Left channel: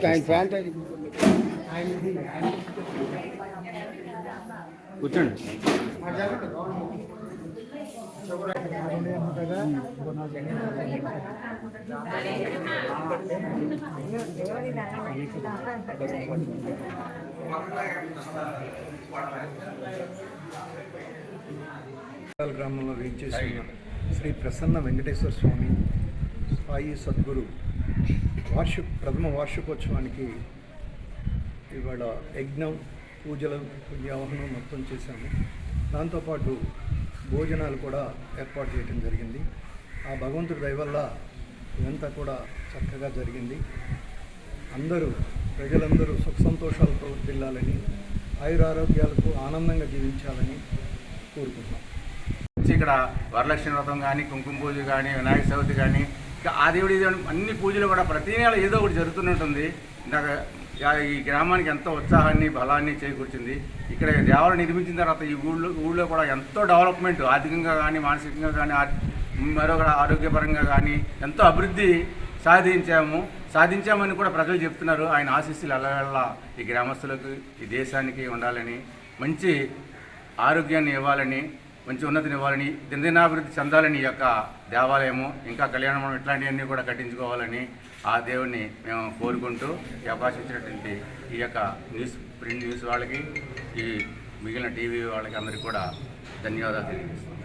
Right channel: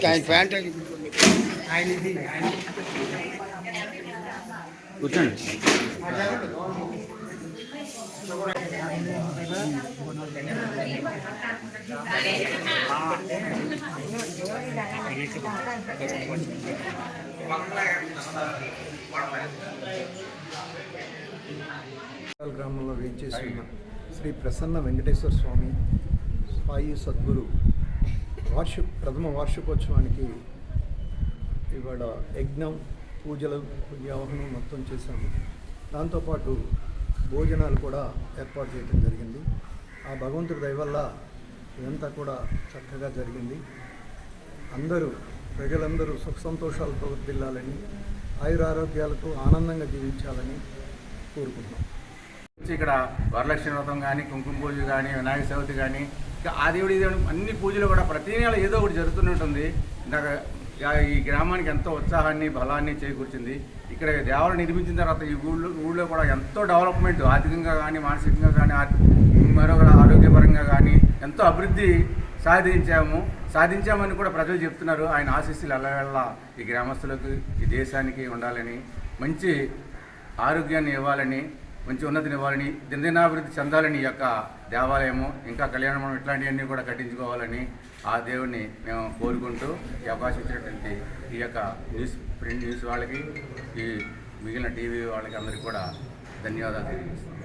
ఆయన ప్యాంట్ కూర్చోండి. గ్రామంలో వేయించేసి ఉన్న శ్రీ ప్రసన్న వెంకటేశ్వర స్వామి సాయి సద్గురు ప్రథమ వార్షికోత్సవానికి ఇవాళ యజ్ఞం పూజలు పుణ్యావహనం మొత్తం చేశాము. దాంతోపాటు భోజనాలు కూడా ఏర్పాటు చేయడం జరిగింది. ఆ భగవంతుడి దయ వల్ల ఇదంతా కూడా చక్కగా జరిగింది. ప్రజలందరూ సుఖ సంతోషాలతో వర్ధిల్లాలని, ఆయురారోగ్యాలతో ఆనందంగా జీవించాలని కోరుకుంటున్నాం. ఇక్కడ వరలక్ష్మి వ్రతం కానీ, కుంకుమ పూజ కానీ, వినాయక చవితి కానీ, ఆ దేవుడి అన్ని పూజలు కూడా ప్రతి నెల ఏదో ఒకటి జరుగుతూనే ఉంటుంది. ఈ గ్రామానికి ఎంతో ఉత్సాహాన్ని బలాన్ని చేకూర్చింది. ఇక్కడ దేవాలయం నిర్మించిన తర్వాత ఈ ఊళ్ళో కూడా ఎంతో డెవలప్మెంట్, ఆర్థికంగా కానీ, మానసికంగా కానీ, మరొక ఆరోగ్యపరంగా కానీ ఎంతో అభివృద్ధి సాధించామని కూడా ప్రజలు చెప్తున్నారు. ఆయన ఆశీస్సులు ఎల్లవెల్లా ఈ గ్రామస్తులకు, ఈ దేశానికి ఉండాలని, మంచి ఆరోగ్యాన్ని ఇవ్వాలని, మంచి ఉన్నతిని ఇవ్వాలని, దినదినాభివృద్ధి చెందాలని ఈ యొక్క దేవాలయము, ఇంకా కళ్యాణం ఇట్లాంటివన్నీ కూడా కట్టించుకోవాలని ఆ దేవుణ్ణి మేము కోరుకుంటూ ఈ అవకాశం ఇచ్చినటువంటి ఈ యొక్క ప్రింట్ న్యూస్ వాళ్ళకి, ఈ మిగిలిన టీవీ వాళ్ళకి అందరికీ కూడా ధన్యవాదాలు తెలియజేస్తున్నాం.